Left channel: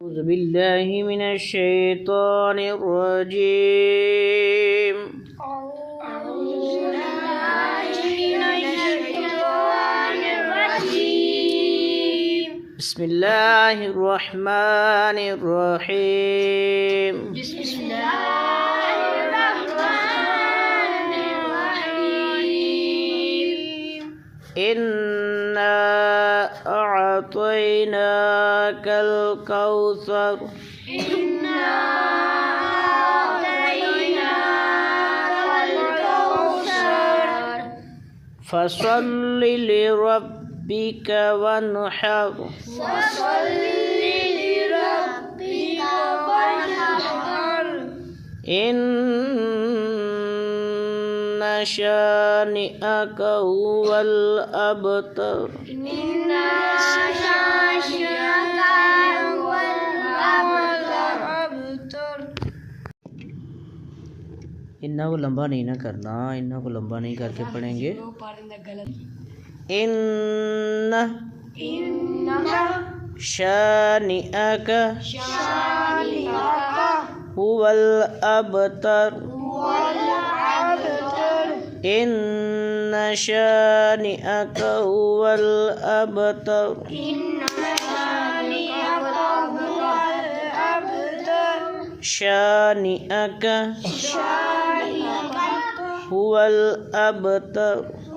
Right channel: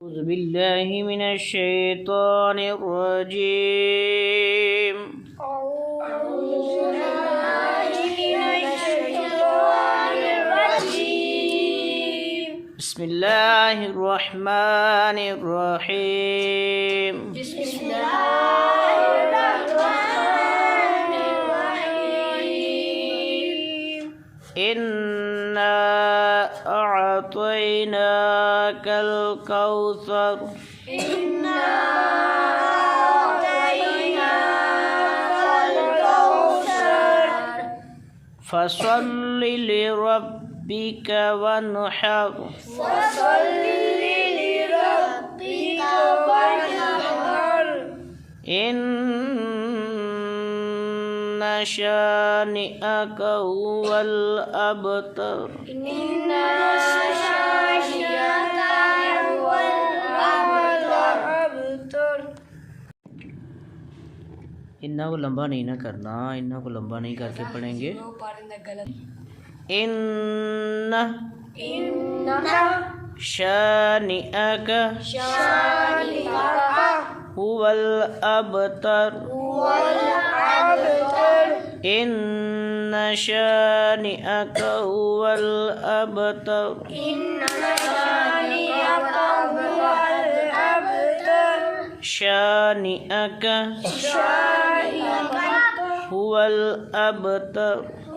أعوذ بالله من الشيطان الرجيم. بسم الله الرحمن الرحيم. إنا أعطيناك الكوثر. فصل لربك وانحر. إن شانئك هو الأبتر. इन्ना को लंबा नहीं ना करना, इन्ना को लंबा नहीं करके पढ़ेंगे। इन्ना शानिअक हुवल अबतर। इन्ना शानिअक हुवल अबतर। शानिअक हुवल अबतर।